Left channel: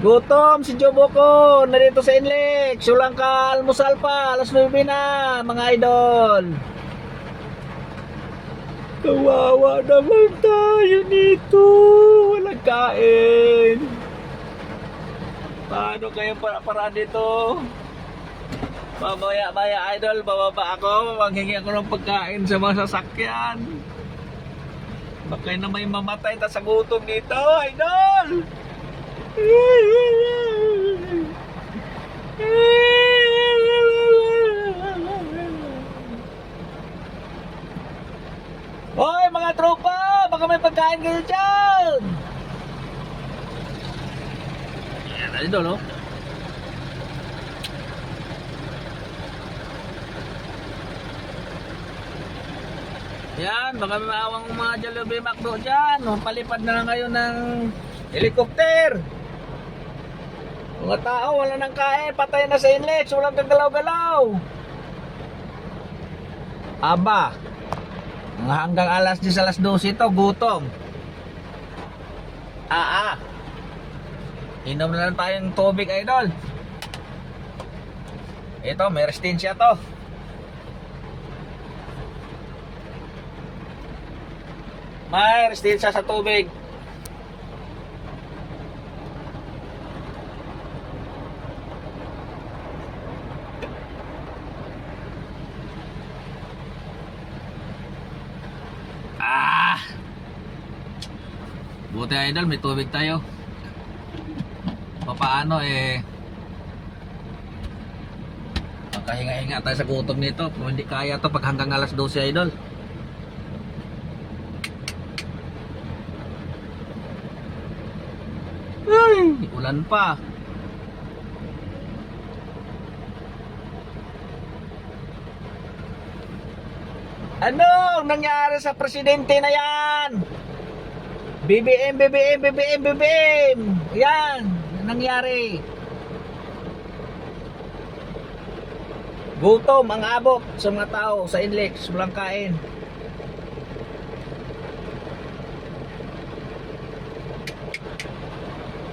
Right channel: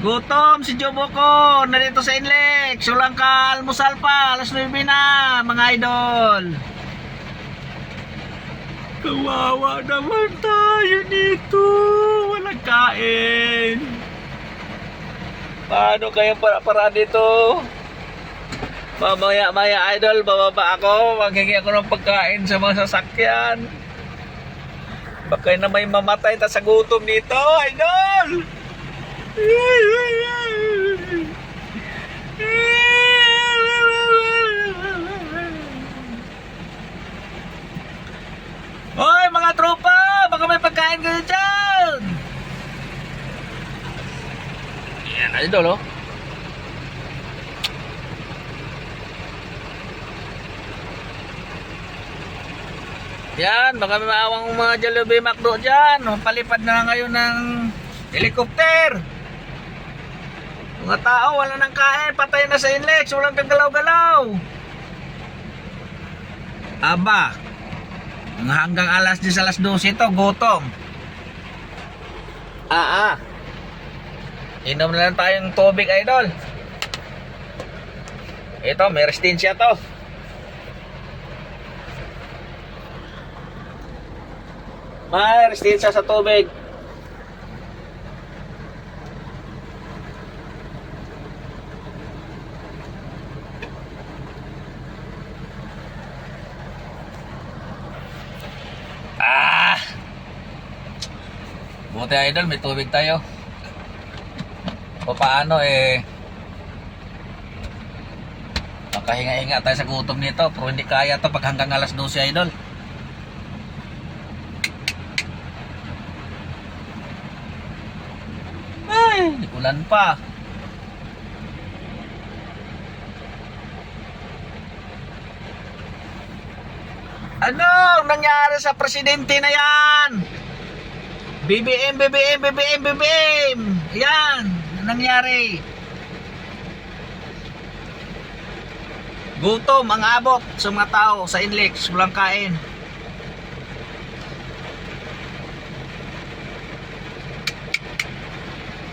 Gutom si Jobo ko, narito sa Inlex. Sulang ka almusal pa, alas 9 na, mga idol. Kawawa naman tayo nito. Walang kain. Paano kaya para dito? Mamaya idol, bababa ako. Maghingi ako ng pagkain sa mga sasakyan. Baka na may mamatay ta sa gutom nito, idol. Hoy mga tropa, baka may pagkain kayo dyan. Yan idol oh. Yan, baka may maawang mga Jollibee McDo dyan. Palipad na ngayon ng helicopter. Mga tao, wala nang kain. Patay na sa Inlex. Walang kagalaw-galaw. Aba, hanggang alas 10, alas 12 ito, gutom. Inom na lang tayong tubig, idol. Ito, may resistensya to. May resistensya sa tubig. Buti idol, may tubig tayo. Paano makahinga-hinga tayo sa gutom nito. Pero hindi kaya to pag hanggang alas 12 idol. Ay, ulan pa. Anong nangyari sa presidente na yan? BBM. Yan, nangyari. Gutom ang abot sa mga tao sa Inlex, walang kain.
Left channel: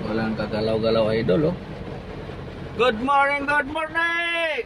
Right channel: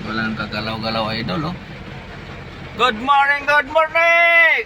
Walang kagalaw-galaw idol oh. Good morning. Good morning.